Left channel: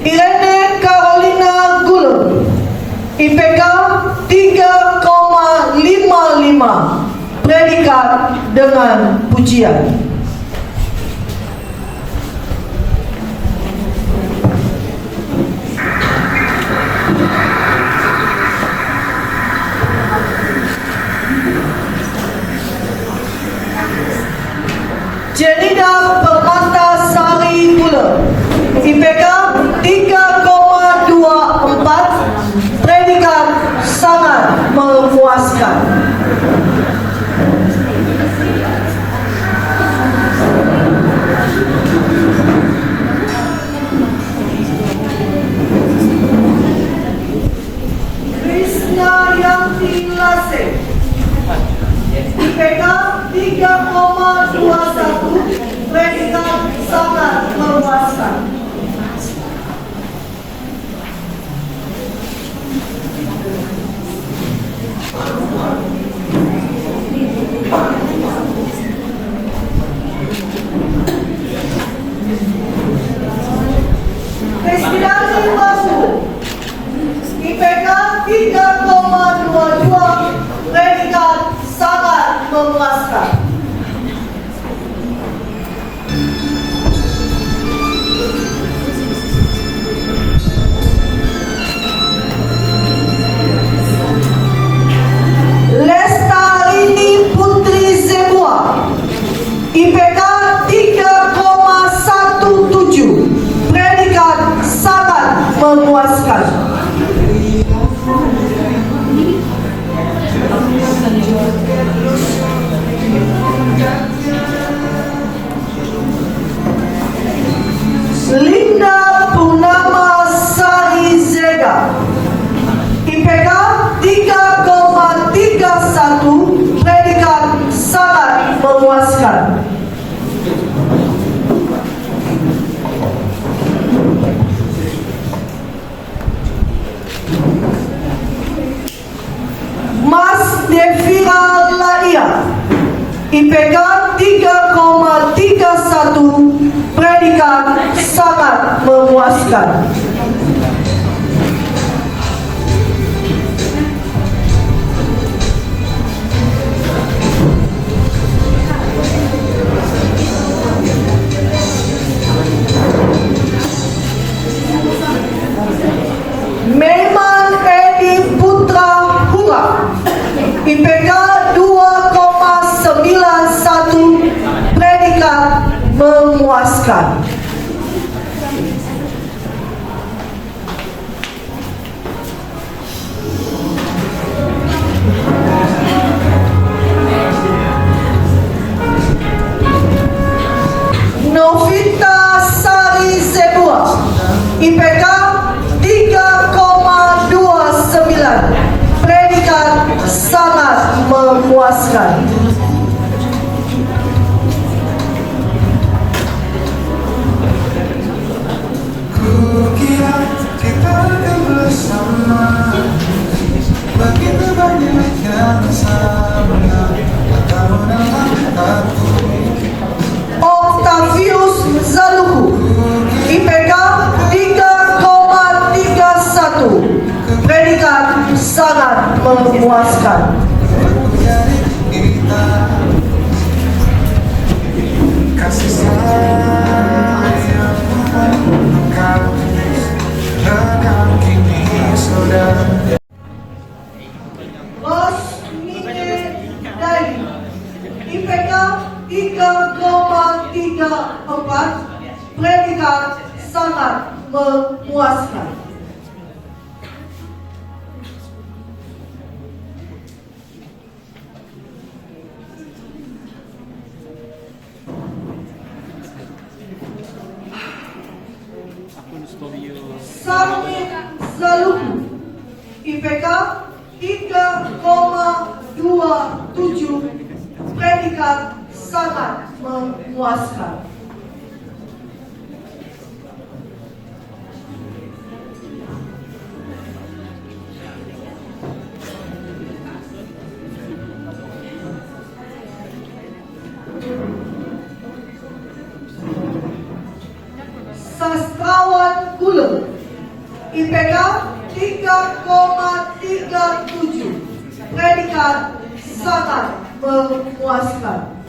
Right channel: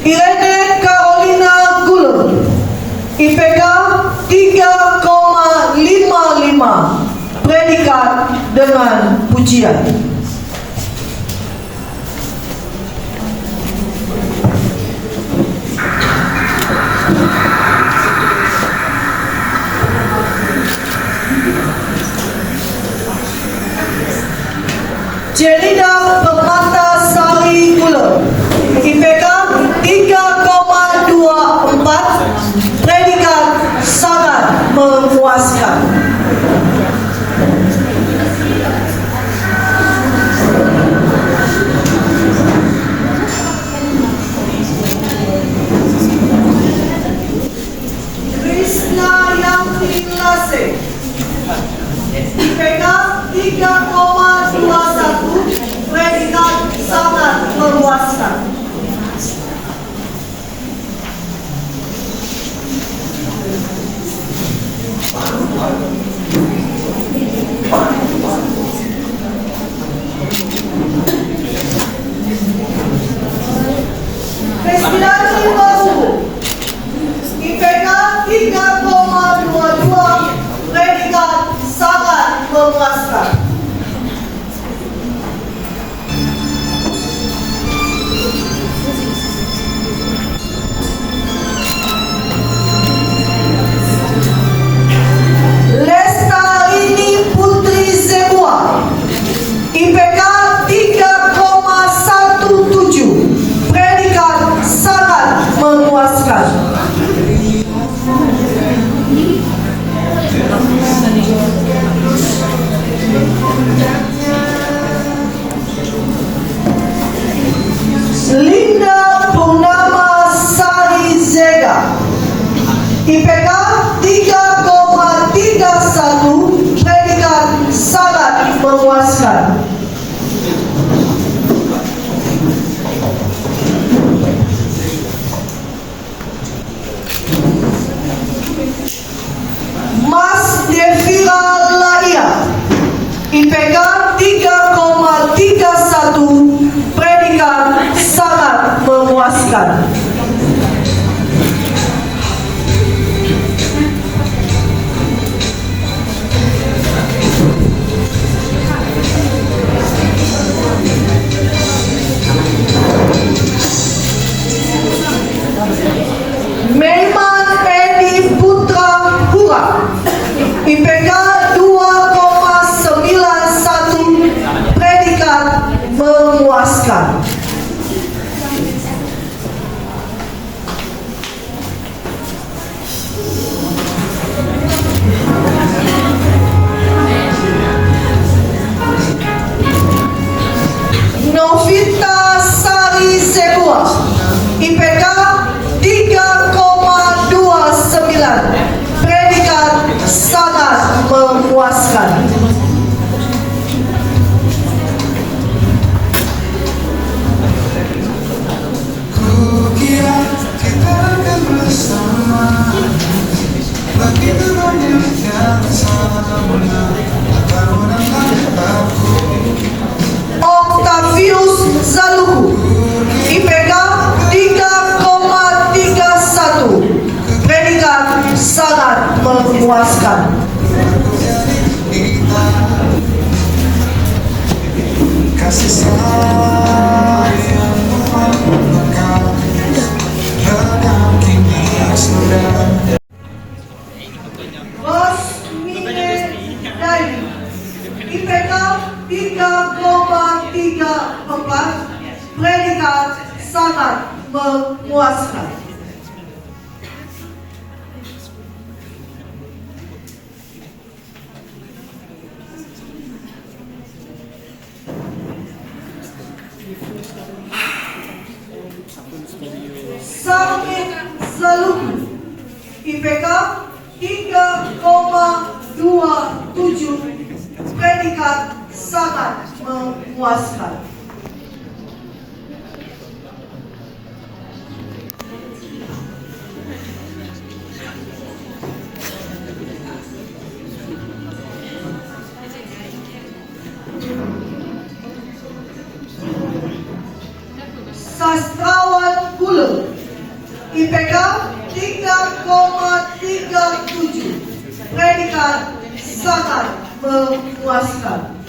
Irene Carolina Gulung, IPK 3,55, predikat dengan pujian. Jenida Permatasari Gulung, IPK 3,24, predikat sangat memuaskan. Krisna Yanti Lase, IPK 3,21, predikat sangat memuaskan. Destinasi Basu, IPK 3,22, predikat sangat memuaskan. Lestarini Putri Zebua, IPK 3,17, predikat sangat memuaskan. Linda Purnama Sari Zega, IPK 3,31, predikat sangat memuaskan. Mas Devira Laia, IPK 3,31, predikat sangat memuaskan. Memang Edi Putra Hura, IPK 2,91, predikat memuaskan. Novita Sari Zebua, IPK 3,29, predikat sangat memuaskan. Kukira kita akan bersama, begitu banyak yang sama, tahunan aku. Octavius Zaluhu, IPK 3,31, predikat sangat memuaskan. Kasih sayang engkau dalam kini sudah. Rosmine Dairi, IPK 3,34, predikat sangat memuaskan. Samit Zaluhu, IPK 3,27, predikat sangat memuaskan. Sastrawan Gulung, IPK 3,37. Predikat sangat memuaskan.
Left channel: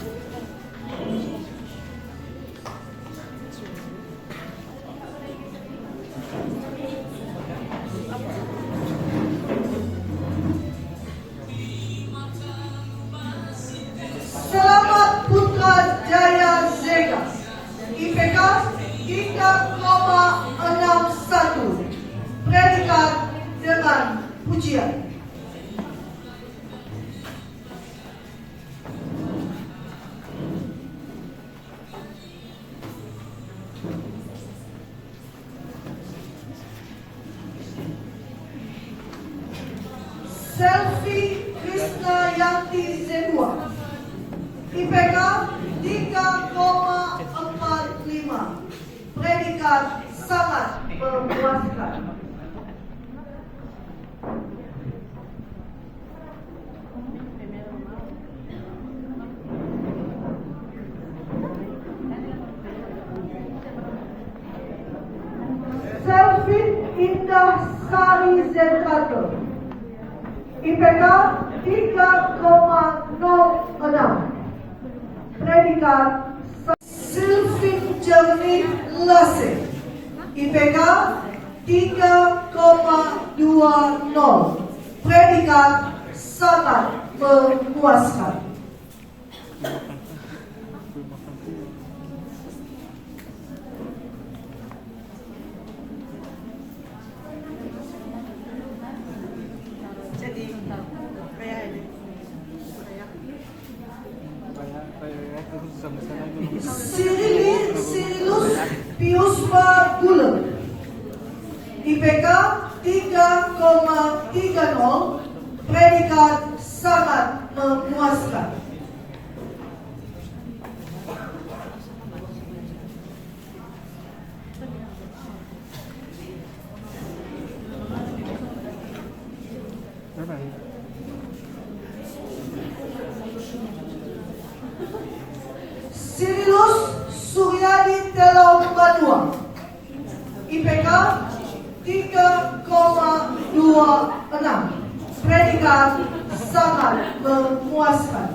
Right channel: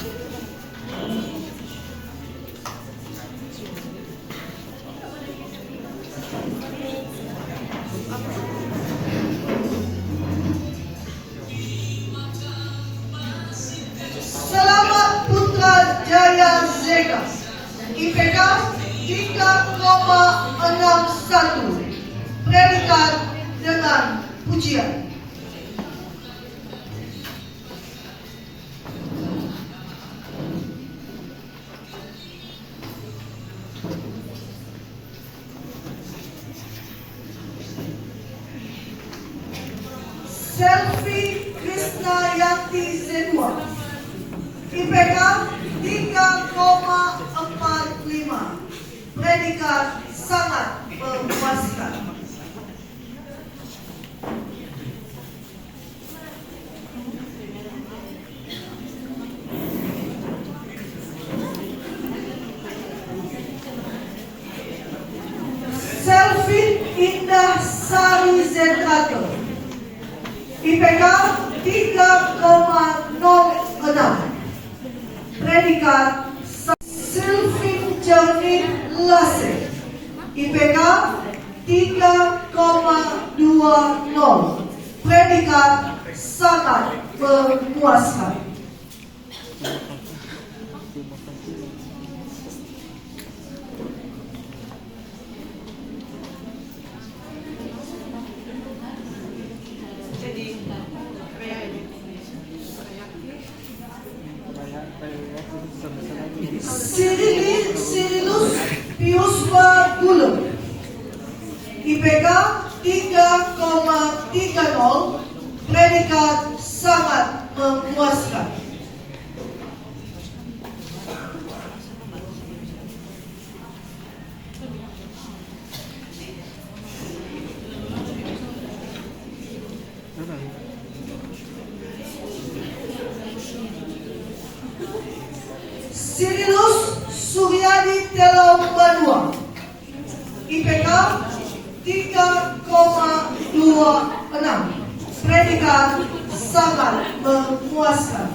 Selamat Putrajaya Zega. IPK 3,61. Predikat dengan pujian. Selvi Krishna Yanti Zebua. IPK 3,45. Predikat sangat memuaskan. Selvi Indah Sari Zentrato. IPK 3,06. Predikat Sylvin Jernih Lase. IPK 3,20. Predikat sangat memuaskan. Sirilus Piuswa Gula. IPK 3,30. Predikat sangat memuaskan. Sirilus Suryadi Telom Badua. IPK 3,26. Predikat sangat memuaskan.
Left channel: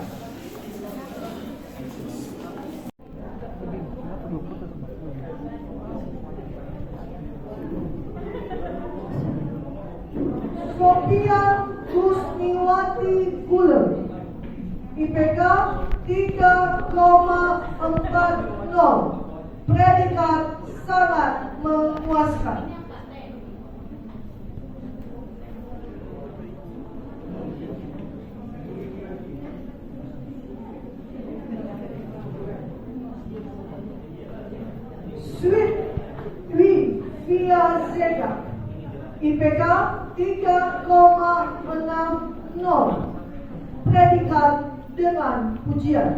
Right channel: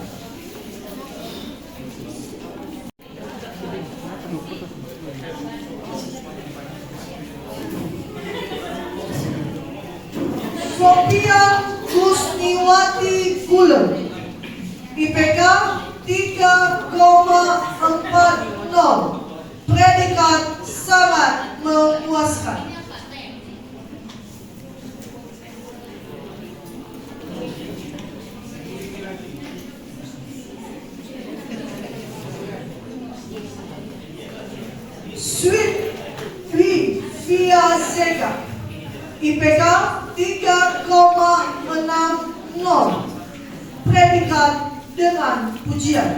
Sophia Kusniwati Gulen. IPK 3,40. Predikat sangat memuaskan. Sweet Via Zega. IPK 3,60. Predikat dengan pujian.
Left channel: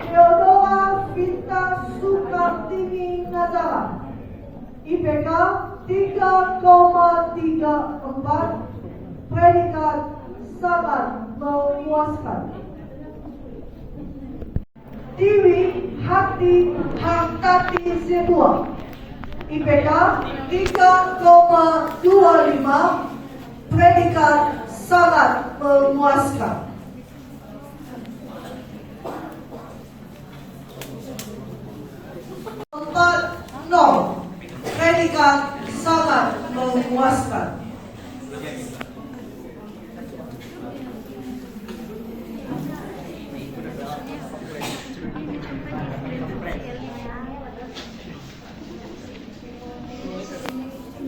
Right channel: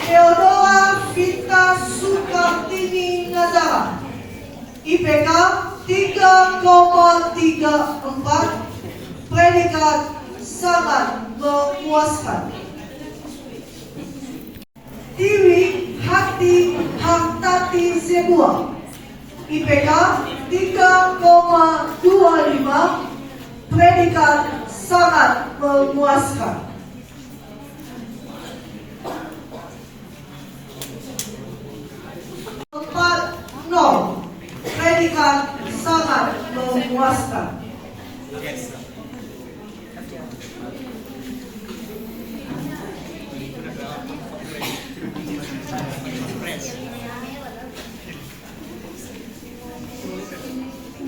Theodora Vita Sukartini Nazara. IPK 3,34. Predikat sangat memuaskan. Tiwi Hati Hartati Zebua. IPK 3,25. Predikat sangat memuaskan. Predikat sangat memuaskan.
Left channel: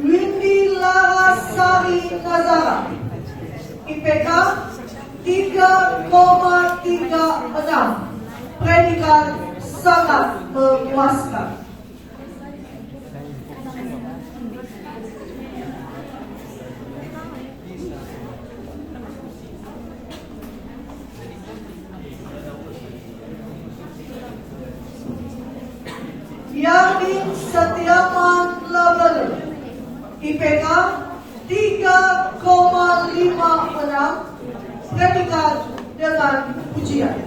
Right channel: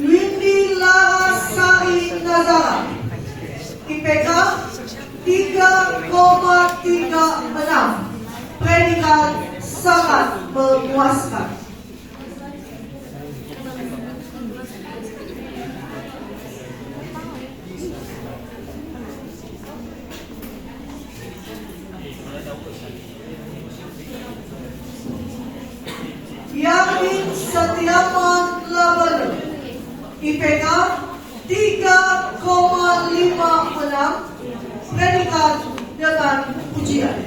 Windy Larasari Nazara. IPK 3,36. Predikat sangat memuaskan. Yamin Setiawan Labelu. IPK 3,56, predikat dengan ujian.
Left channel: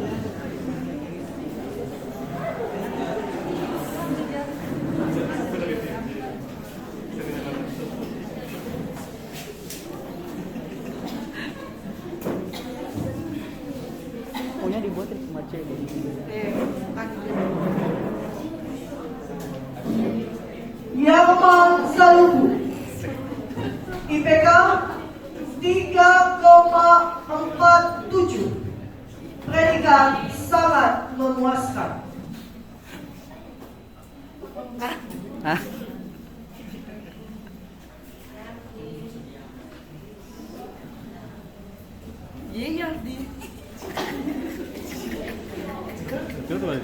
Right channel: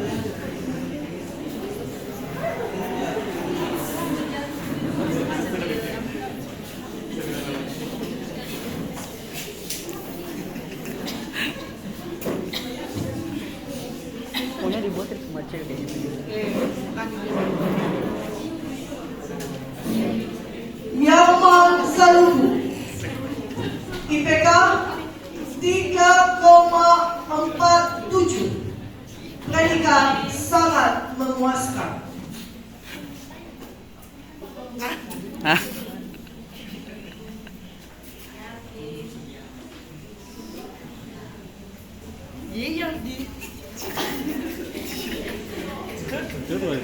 Pokoknya dibuatin sama cewek gitu. Yarman Saluhu, IPK 3,47, predikat sangat memuaskan. Hah? Iya di. Sponsor by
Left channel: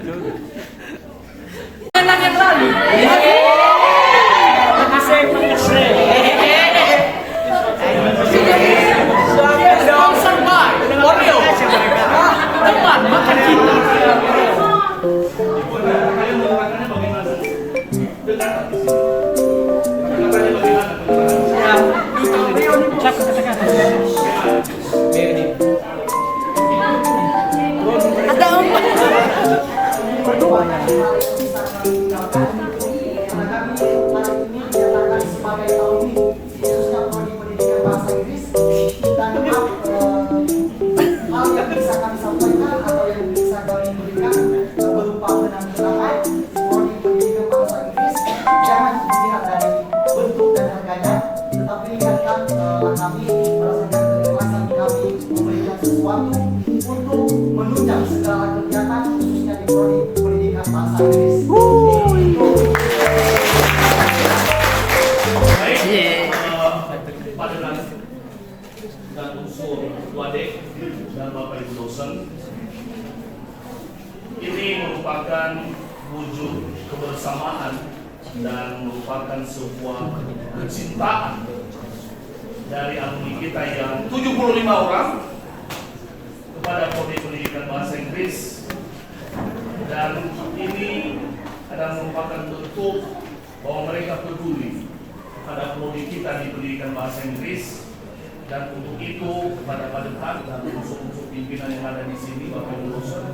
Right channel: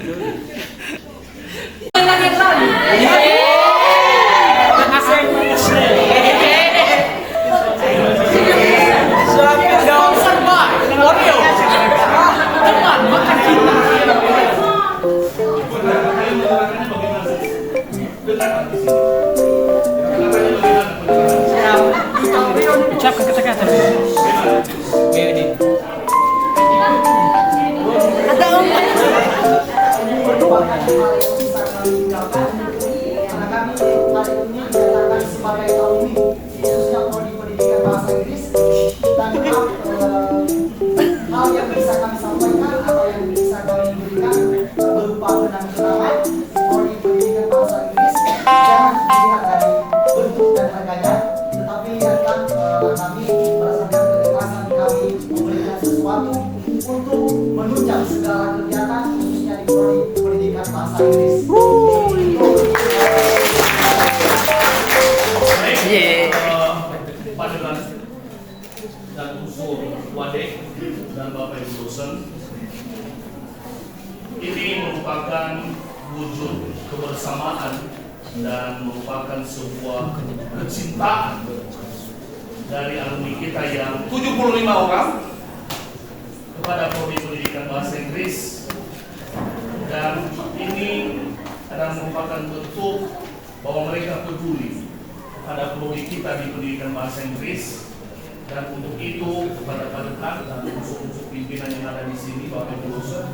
Oreo. Teman makan kita. Duta Oreo nih cek ke ada empat. Berdua ya. Karena kami hari ini dinyatakan sebagai tahun ini khususnya prodi pendidikan bahasa Inggris dan hal yang bisa kami sampaikan atau yang bisa kami berikan berupa kenang-kenangan prodi pendidikan bahasa Inggris jangan dilihat dari bentuk dan harganya, tetapi lihatkan kami berdasarkan keikhlasan kami memberikan sesuatu untuk menunjang segala kegiatan khususnya di prodi pendidikan bahasa Inggris. Padanan dan unsur wadek dan Bapak Ibu dosen, ini merupakan wujud kebersamaan dan merupakan sebuah kecintaan dari alumni kita yang 75 orang kepada Prodi Pendidikan Bahasa Inggris, dan ini adalah merupakan bentuk bahwa mereka peduli pada prodi kita di pendidikan bahasa Inggris, dan untuk itu kepada Padekan dan unsur-unsur pimpinan yang ada di sini, Bapak Ibu dosen,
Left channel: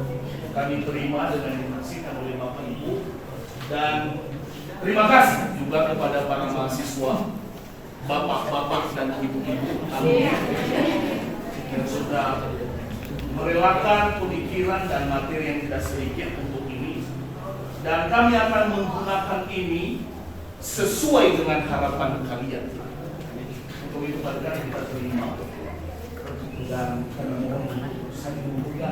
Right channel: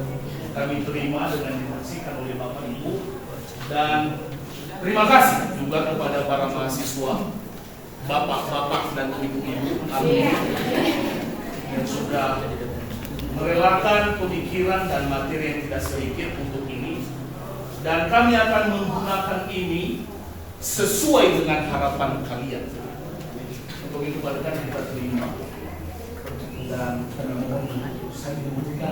kami terima dengan disaksikan oleh Bapak Ibu, dan terima kasih juga kepada para mahasiswa, bapak-bapak dan ibu-ibu alumni yang sudah merelakan pemikiran dan materi yang tidak sedikit untuk ini, dan kami akan menggunakan ini sesuai dengan harapan kalian. Untuk itu Padekan kita terima dan kami mohon saya dibuka.